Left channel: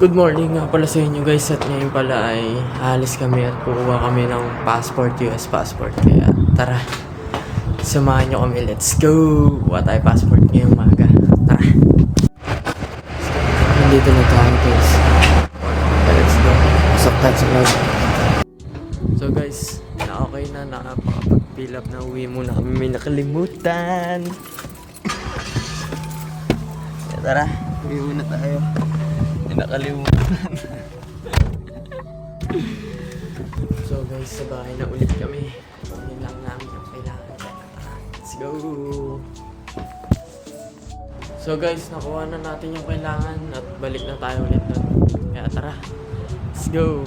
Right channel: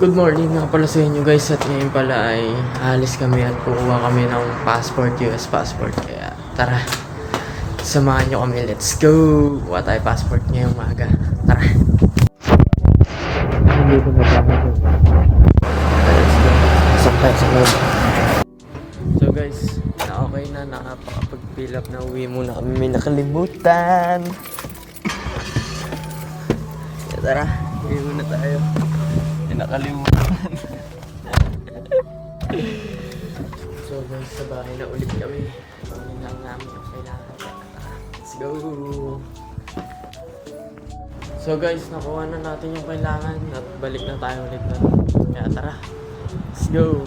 Good morning nga pala sa inyo guys, at ngayon pala ay halis kami at kukuha kami ng passport, US passport. Kaya tara, samahan nyo kami, let's go! Kuha tayo passport ngayong umaga, tara! Nandito na tayo guys, let's go! Pasok tayo sa loob. So guys, na okay na, nakapag-fill up na, uwi muna kami, may nakalimutan. Kaya tara, uwi muna tayo. Nakalimutan. So guys, sa bahay na ulit kami. Yun lang namin yung kailangan. Let's go! So guys, nakuha na natin yung kailangan at balik na tayo ulit doon. Kaya tara, let's go!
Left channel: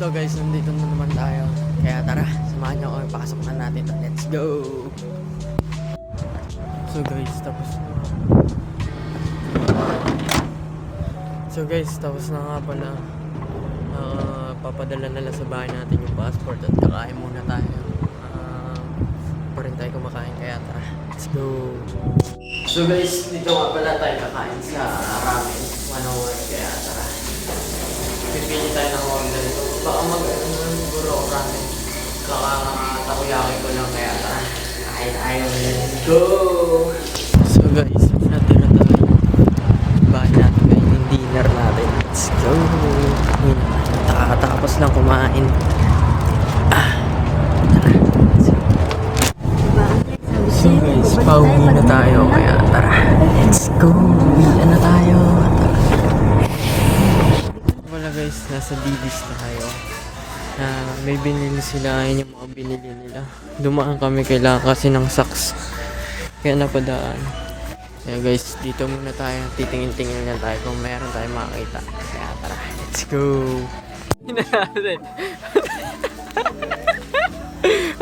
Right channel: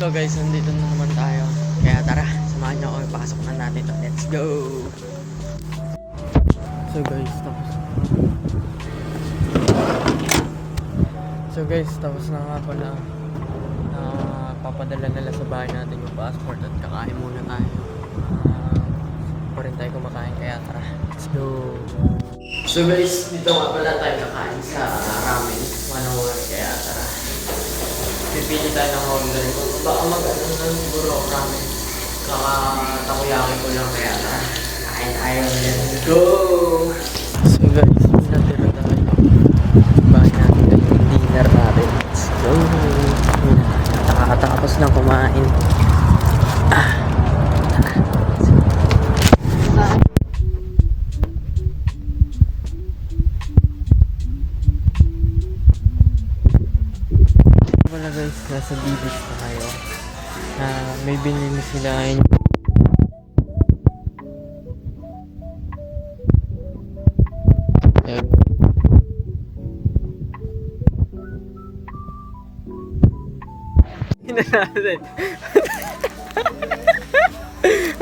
So guys, nandito na naman tayo. Kaya tara, samahan nyo kami, pasok na natin to. Let's go! So guys, tapos na nga pala. Papadala na lang sa bahay natin yung passport at kakain muna tayo. Pa rin tayo kumakain, kaya tara, let's go! So guys, dito nga pala tayo kakain sa ramen 101, kaya tara. Pipili tayo ng order ito. Baka mag-ano na siguro ako ramen. Kakatakoyaki ko lang, kaya tara. Kain tayo, let's go! So guys, pinatira tayo yung bahay natin guys, yung dinner natin. Let's go! Nakakatapos lang kumain. Tara. So guys, pauwi na tayo, kaya tara. Let's go! Uwian na tayo. Wala guys, nasa Dibis tayo. May binili sila, yung mga binili nila. Dumaan kami, kailangan kasi ng socks. Kaya napadaan. Kaya guys, dito muna tayo. Titingin-tingin na tayo kung meron tayo makakita. Kaya tara, let's go! Hina natin.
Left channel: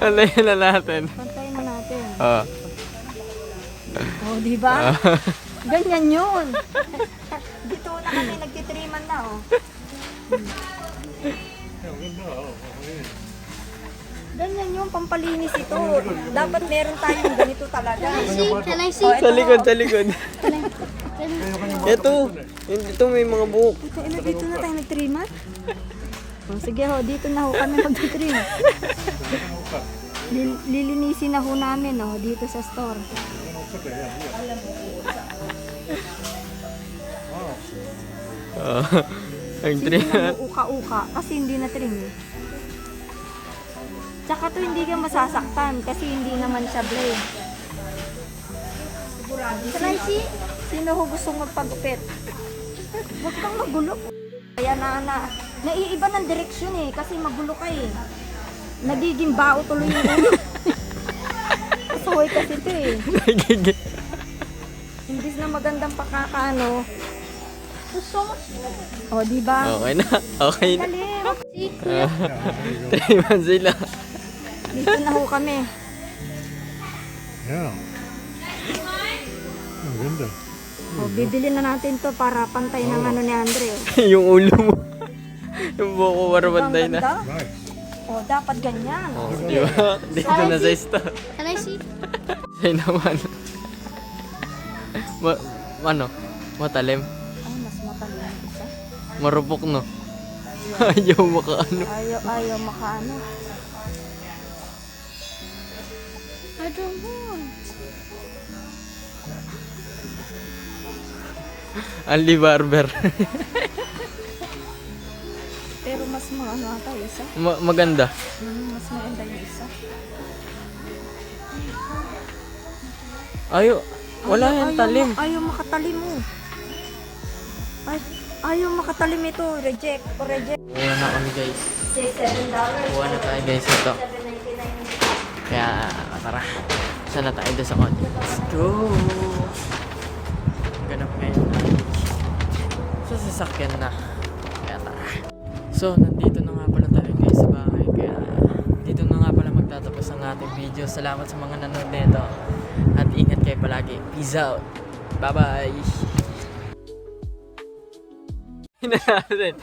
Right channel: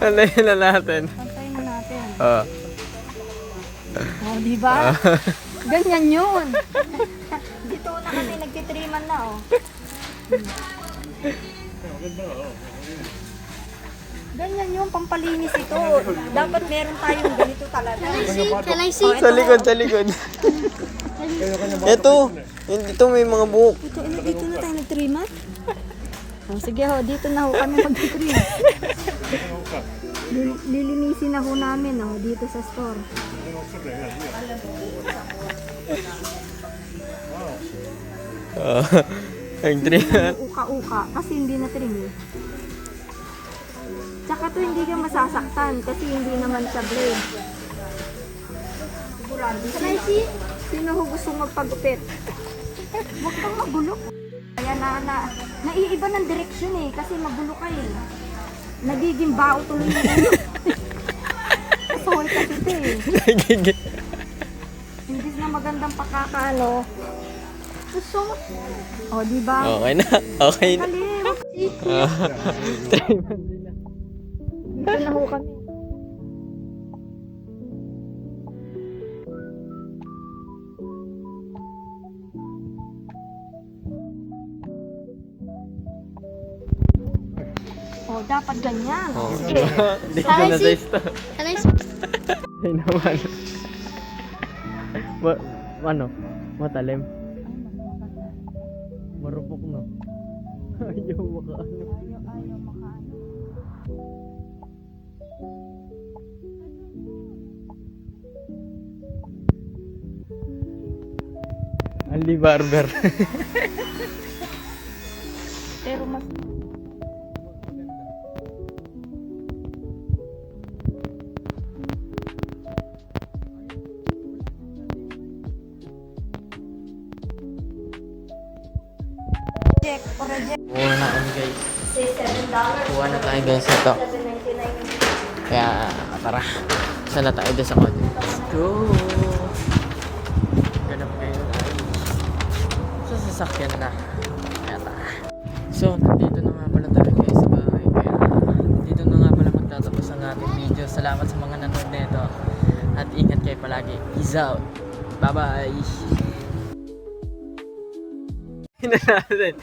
Antayin na natin. Pantayin na natin. Oo. Oh, di ba? Ganyan yun. Dito na kami, nagtitriman na, oh. Ganyan yung pampalinis ito. Dapat meron tayong ganito talaga. Sa likod, sa likod. Ito, ito may mga buhok. Dito na tayo nagtriman. Oh, sige ho, dito na ho kami magtitriman. Lilinisin na ho namin, oh, dito sa store. Ang trim. Uka-uka kasi hindi na trim. Tsaka to hindi ka masasaktan kasi hindi naman siya blade. Sigurado. Sino ho gustong magpagupit? Huwag kang magulo. Kaya naiiba ng direksyon eh kasi magulo ka eh. Nagiging bao tuloy yung ulo. Kasaway kasi ito eh. Imbis na magandang pakakano. Oh, di ba? Okay na, okay na. Dali, 3 months sila. dito na ho kami. Yeah. Ang ganda. Oh, bibili na natin to para pantay ng ano ni Andre. Yung ulo mo. Yung buhok ko para pantay na. Oh, dapat ganyan. Oh, Sige. dito na sa store. Can I see? Sa'yo naman. Ano? Matalim? Ay, mas matalim isa. Marupok no? Ayaw makaano. Ayaw makaano. I don't want. Only barber. Pero mas maano ata isa. Maganda. Mas maganda yung isa. Wala yan talim. Ayaw makatalim mo. Ayaw makatalim ito. Reject. O reject. Kuha na kami guys. $7. Kuha na tayo guys ito. Kaya tara. Saan na tayo doon sa kotse? Let's go! Ganap ngayon ay sa sasakyan na. Kaya tara. So, nandito na nga pala tayo guys sa bahay. Kaya dito na nga pala magtatapos ang ating video. Salamat sa mga nanonood nito. At ingat kayo palagi. Peace out. Bye bye. Hina natin.